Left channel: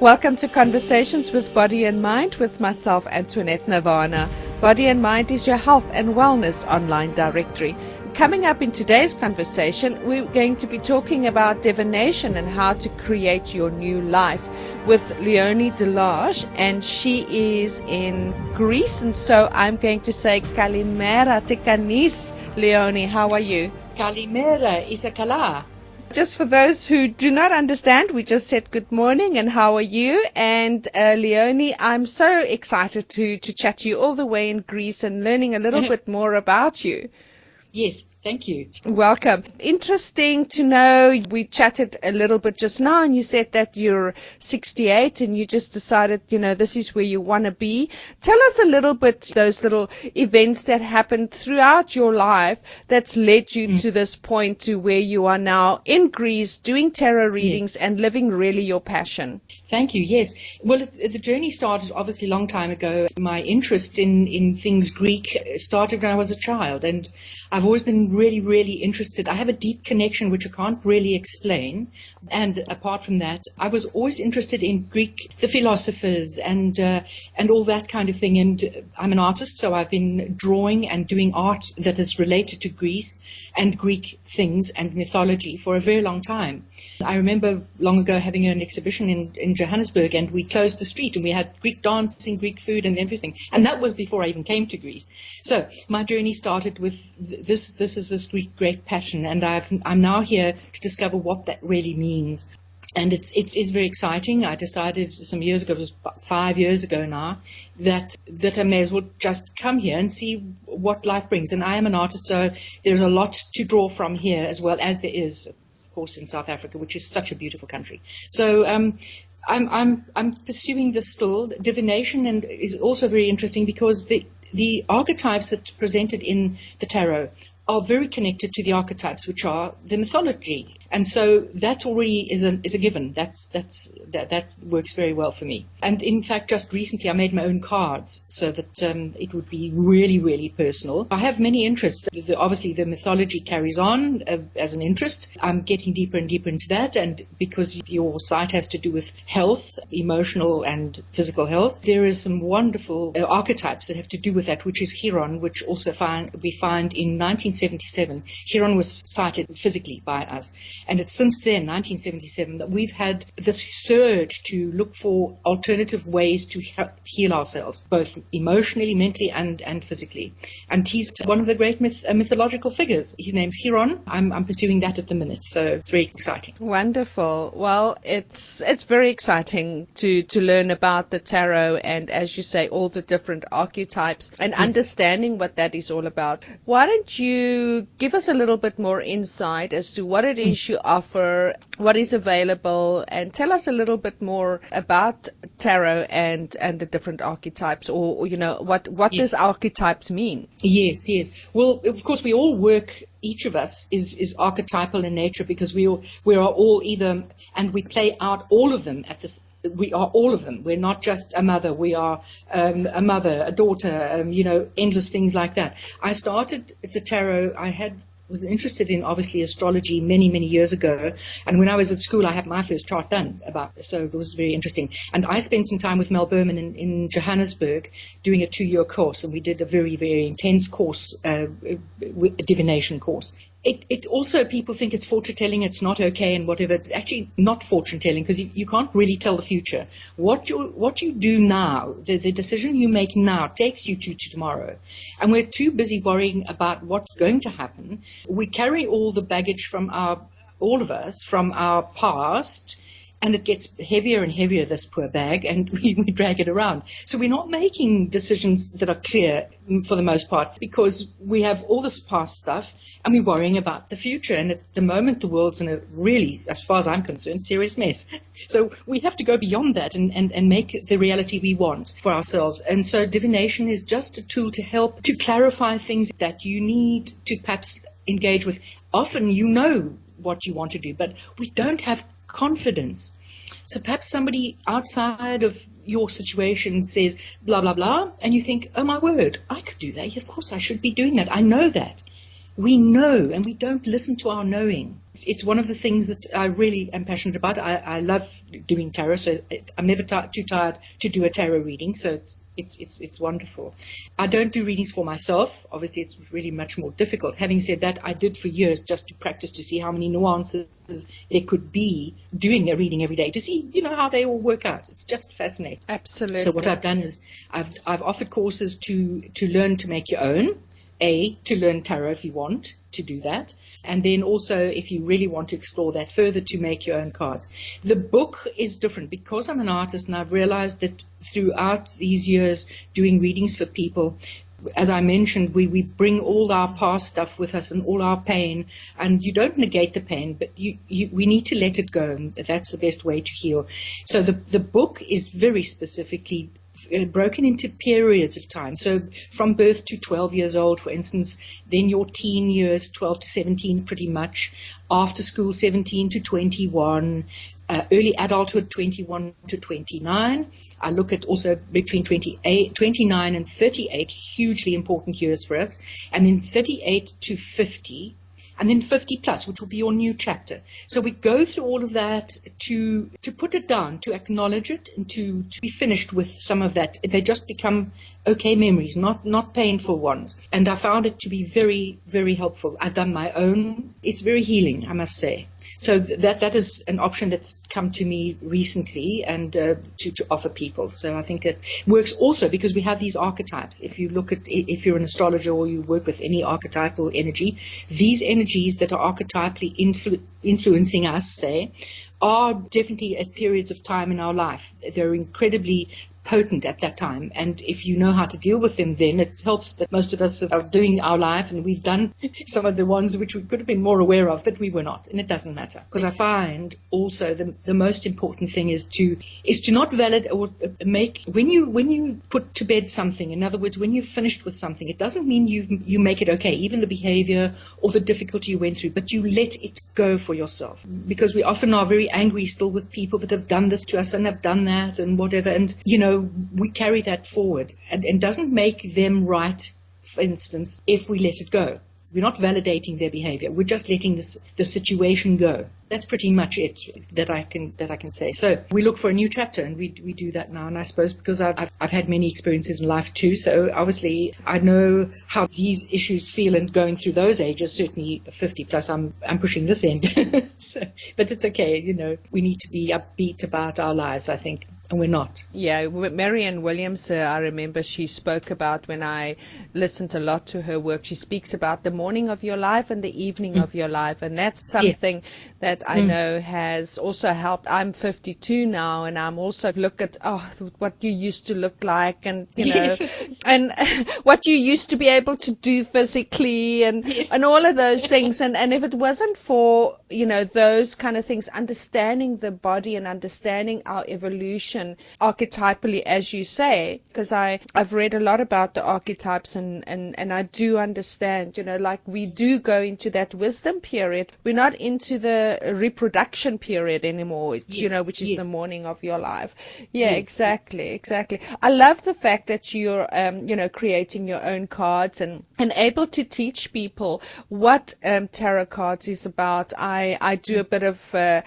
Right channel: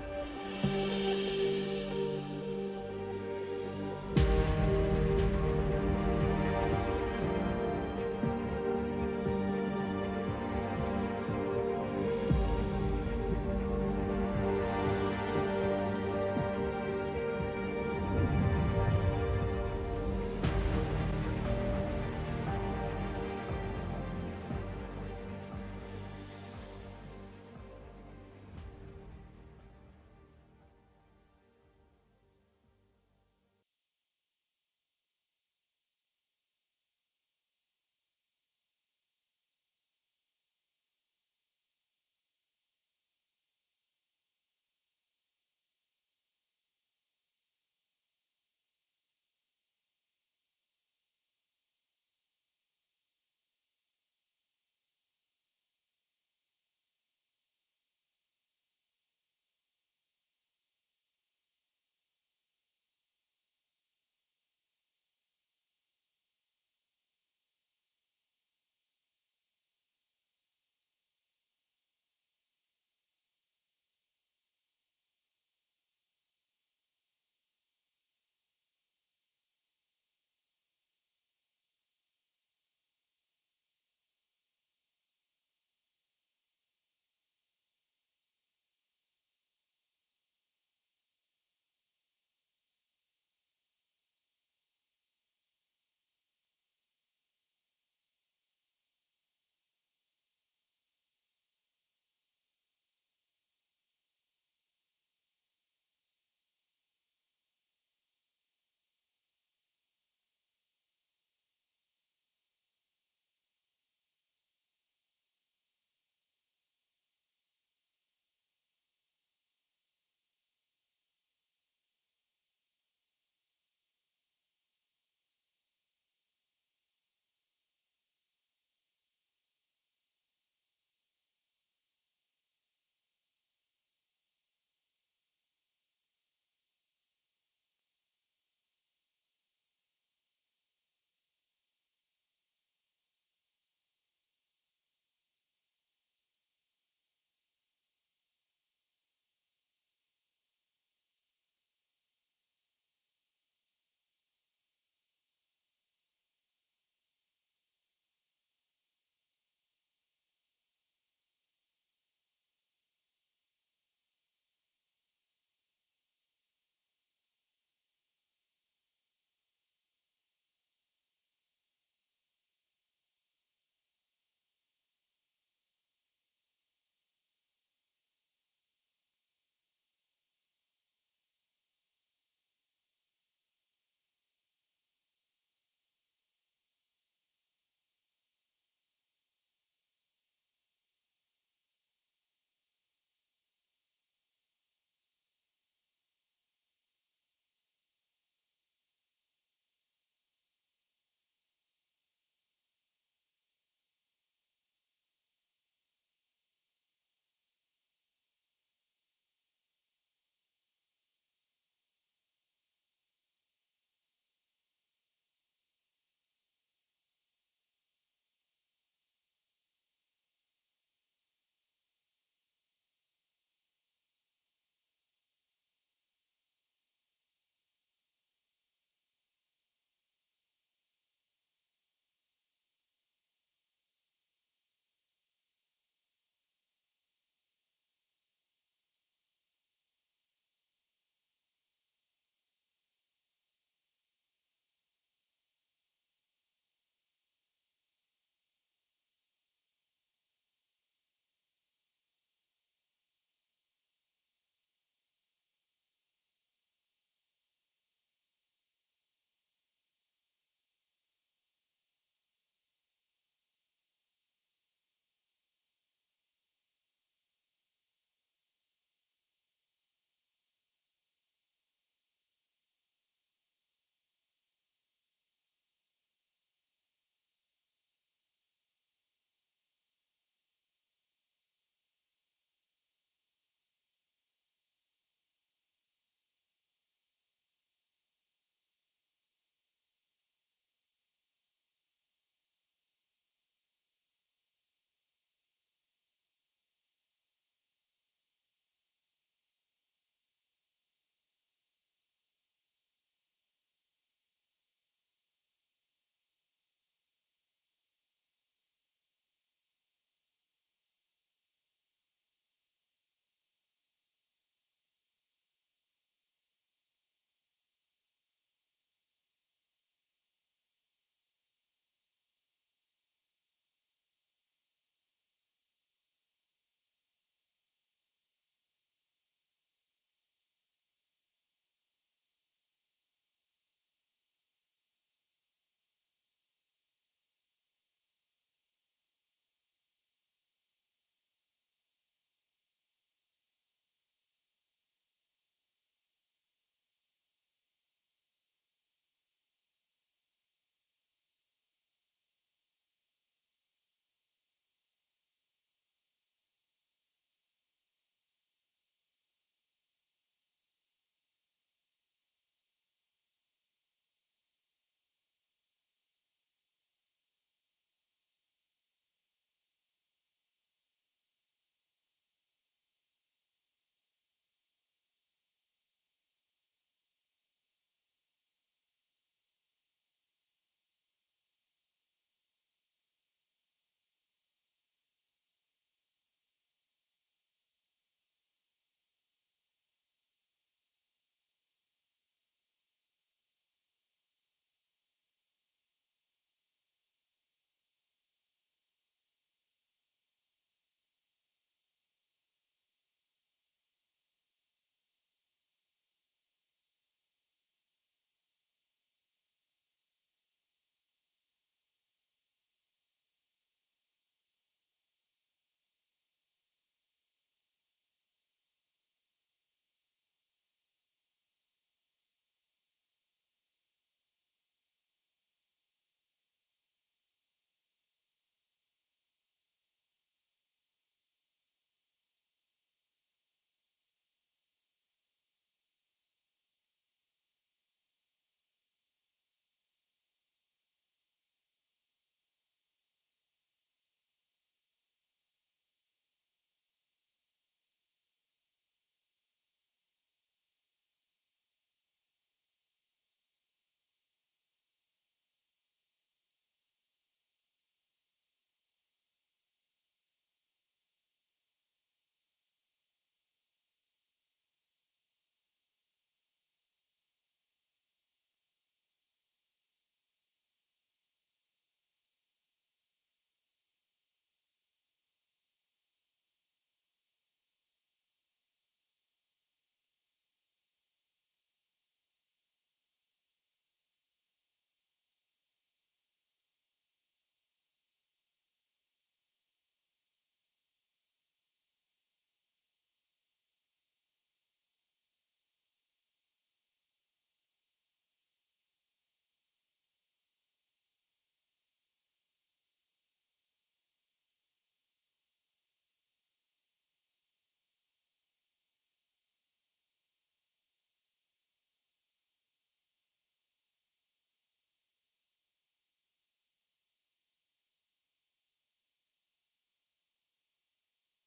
Welcome to Conversations with Body and Mind with myself, Antoinette Nirvana. Body and Mind is your health and wellness online directory. Coming up in today's conversation, we're going to be talking about divination and how to create your new life with Leonie Delage, and she is in Greece, and so I'm going to say Kalimera Tekanis. Leonie, how are you? Kalimera Isakala. Just for those who do not understand, we just said good morning and how are you? And Leonie, I'm so excited to chat to you all the way in Greece and learning a little bit more about you. Yes, thank you. Welcome. Interesting to know, we chatted a little bit just now and you said that you're 68 and you just decided, this is where you want to be. Tell us a little bit, those little events that happened throughout your life that's led you to this point to where you are now in Greece doing tarot readings and living really your passion. Thank you. Yes. Well, the journey started obviously a long time ago. My interest in things Greek started when I was a child, and I've always been really, really interested. I have a deep connection which I can't really explain. And apart from that, I was always interested in Greek, the philosophers and all that kind of thing. And I'm an artist, so I've been drawing and doing art that is related to Greece and Greek things and mythology for a very long time. I remember long ago having an exhibition in Johannesburg, and we closed the street and we had Greek dancing, Greek food and everything. And that was before I even came to Greece. So my journey started with this Greek great passion, and I'm now here to discover what that really means. And it is very exciting. I decided some years ago, it was 5 years ago now, that I may as well just come here and see what life brings. And I am an artist, so there's a lot to draw from here, as well as there is, of course, in South Africa, which is such a beautiful country. So I'm pursuing this still. Divination and is also very interesting because the archetypes that are presented in the tarot are very connected to the archetypes, which are the mythology. And so that already is a given. That works very well for me. And in fact, just recently I made my own cards so that it would be really, really personal. I have many interests. Obviously, the mythology carries on as an interest. I'm getting deeper and deeper into that. And because your site has to do with health, emotional and physical health, there is some wonderful archetypes that have to do with that, which is Chiron, which also we find in 1977. Chiron was sighted physically by us. And it's since then, 1977, that we've had this surge to look for alternative ways to heal ourselves, both emotionally, mentally, and physically. And he's one of the great mythological figures. His name's Chiron. I'm pursuing that at the minute, so it's very exciting. Wonderful. Well, it's very exciting to learn about the tarot and, as you say, all the different archetypes and understanding what that is all about. Why don't you give us a little bit more insight as to what it is you offer, what is available, and tell us a little bit more about tarot and the different archetypes, or what does archetypes mean? Yes. Well, of course, we all work. Each of us is archetypal in nature because we are all either, and we play out all of them at this. We are all of them. We're not just a mother. We are a mother, a daughter, endless things like that. I started the tarot. Was interested in, obviously, astrology many, many years ago. And when I was at school, I had my first chart done so it was very interesting. And I spent some time with Mel Berman in Johannesburg doing a 2-year course. And we did a very, very intense course, a divination course. It also, people think it's fortune telling, it's not okay and whatever. It's actually not fortune telling because you can't really tell the future. What you do now, the decision you make now takes you to tomorrow. And we're too busy worrying about what's going to happen. We carry all the baggage all of us from our past, and it gets heavier and heavier, this poor bag, and we drag it around. So we're not making decisions that are clear for the most part because we have all this past stuff and we're worrying about the future. And at the moment, the world's in a really, as far as I'm concerned, serious mess. So we have to go beyond that and make the reality we want for ourselves. And so divination is just a tool to help to clarify things that you need to perhaps engage with. Often you know what you want to do, but we don't have confidence. So perhaps somebody outside of your situation says blah blah blah, and you think, oh my word, I could do that. Of course I should be doing that. I know that. we know and we don't listen to our knowing. It's one of the things that I really am passionate about. I love doing tarot, so I'm never too tired to do a tarot reading, so it's wonderful. I don't do readings for myself. Obviously, it's really much more difficult. Having said that, I did for years just to practice to see how many nuances there could be doing a reading every day, to see, how they all work out. It's just fascinating. Absolutely. So what I've done is I've offered courses to learn to make your own, to learn tarot if you want to do that, and then also if you really want to explore that further, to make your own cards. The book is different because I'm an artist, and I've realized that throughout these years doing readings for people, as I mentioned, we bring all our past stuff with us and all our pain, and you don't negate the pain, but we need to let it go, and that's the best way to heal. So the book is very specifically broken into periods of time. So from birth to 12 years old, for instance, then your teen years, 12 to 17 pretty much, after school 17 to 21, early adulthood 21 to 29. I look at also between 29 and 38, hugely important years for us, and then 38 to 50, and then 50 plus, which will be your new chapter. So we go through all of that to put it down, to acknowledge it, and to be finished with some of that. They just become okay memories, not painful ones. And I found it to be very, very helpful. I've done my own. It's very healing, I must say. So that is an option that's come to me recently, and to offer people. So I think it works also because we have these archetypes. If you look at, if you're an astrologer or you work with any archetypal energy, these energies that are archetypally influencing us, say, are definitely at periods of time in our life. They're incredibly potent at that time, and if you know how to deal with them, then it helps. But most of us are doing our life, and we've done some of the ones which we could have been more aware of, but we were not, and it doesn't matter, because I find also the most important thing is to not validate or make, when you put to bed something, in other words, when you've finished with something, it doesn't mean you make it okay, even the behavior or the difficulty you went through, but you let it go for yourself, because we often are very angry still with people that have done this to us and have done that and whatever, and we carry that forward, and doesn't make them right, for instance, if we let it go. We're not validating their behavior. We're just letting the situation go. That's pretty much it that I can say. So we look for a new chapter, and we do that now. And I suppose because I've had many experiences in life too, so obviously I know how these issues feel, and going through those ages, certainly 50 plus, I'm pushing this end. But it's okay. We need to be upbeat about our lives, I think. And we're not. Yeah, Marianne Williams, I remember she spoke about, when I listened a lot to her work, she speaks about the morning of your life and the evening of your life. And that's something that I know has also helped. I'm 52 now, and I'm also look at, what you used to look like, and, and what you used to be able to do physically, and all of those things. And if it wasn't for, those kind of things, understanding the body and understanding our evolution, archetypally, as you say, because I've read a lot about the archetypes, and I do understand, like we do go into that wisdom period. We're not into the reproduction period anymore, which is the morning of your life. Yeah, exactly. I love the fact that you're, creating your own cards and able to teach people what tarot cards is about. I do a bit of a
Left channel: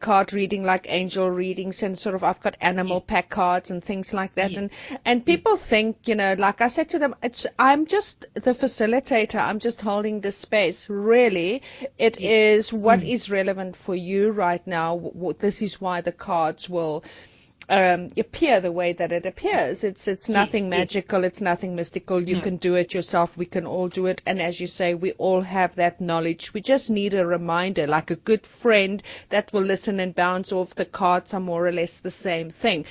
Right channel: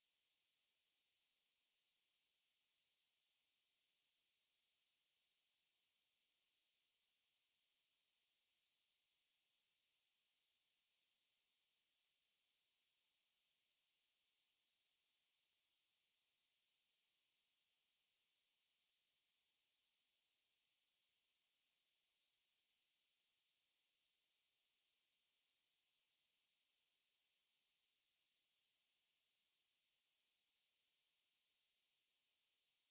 card reading, like angel readings, and sort of I've got animal pack cards and things like that, and people think, like I said to them, I'm just the facilitator, I'm just holding the space. Really, it is what is relevant for you right now. This is why the cards will appear the way that it appears. It's nothing magical, it's nothing mystical. You can do it yourself, we can all do it, and as you say, we all have that knowledge. We just need a reminder, like a good friend that will listen and bounce off. The cards are more or less the same thing.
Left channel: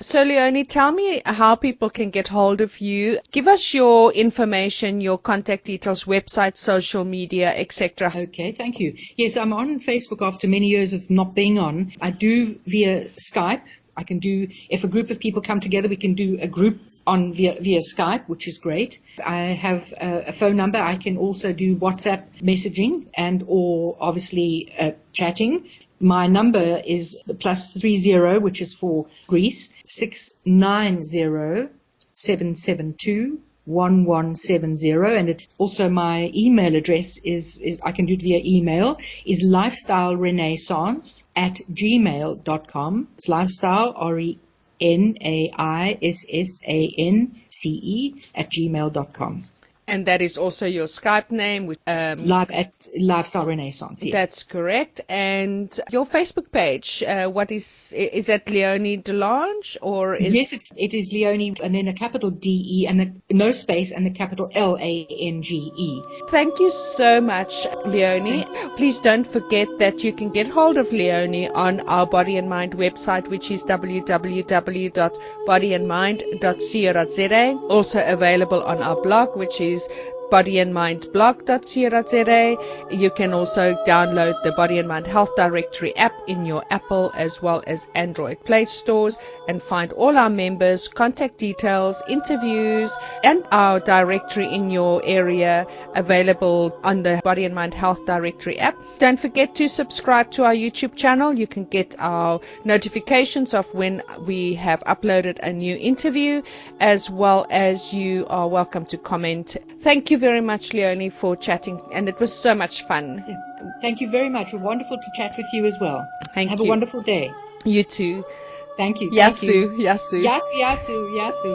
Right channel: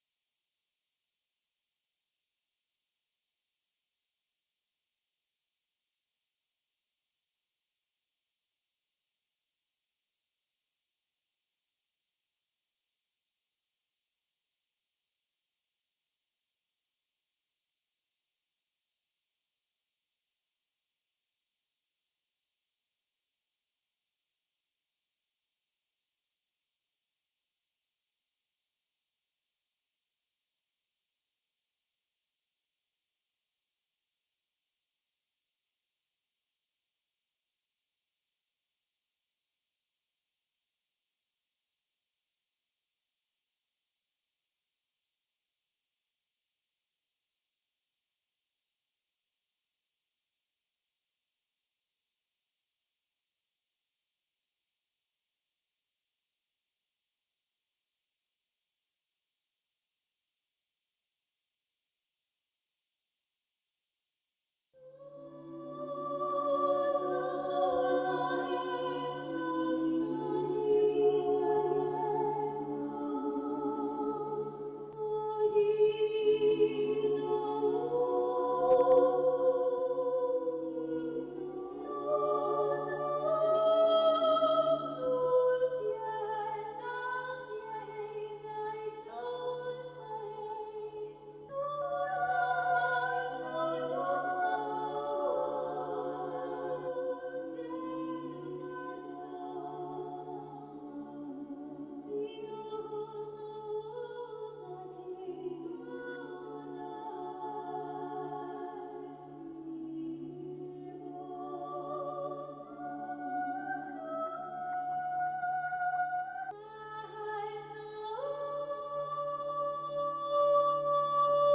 So Leonie, tell me how people can get hold of you. Give us your information, your contact details, website, social media, etc. Okay, thank you. Yes, I'm on Facebook after many years of not being on. I do via Skype. I can do, if a group of people come together, we can do a group on via Skype, which is great. I have a phone number. I can also do WhatsApp messaging or obviously chatting. My number is +30, which is for Greece, 690 772 1170, and also my email address is I can do it via email, is lifestylerenaissance@gmail.com. It's lifestyle, RENAISSANCE @gmail.com. And that is also your Skype name, which Live at Lifestyle Renaissance, yes. That's correct. And your Facebook page, what is that Leonie Delange, or is Yes, it is Leonie, and then a capital DE and no space and the capital LANGE. Thank you so much, Leonie. Please don't forget that you can get hold of Leonie on our Body and Mind website, which is www.bodyandmind.co.za. Also available on our blog, which is bodyandmindblog.co.za. You can also download the Body and Mind Health Directory app in your Apple as well as Android Play stores and find all our members, contact details, interviews, and our directory in your area available on the Body and Mind Health Directory app. Don't forget to subscribe to our YouTube channel. You can get our notifications of when we have uploaded a new interview, as well as you are welcome to comment. Thank you very much, Leonie, for chatting, and it was so much fun. Thank you very much. Wonderful to chat with you as well. Have you. a wonderful day. You too. Thank you. Yasu, Thank you. Yasu. Yasu, Yasu, Yasu.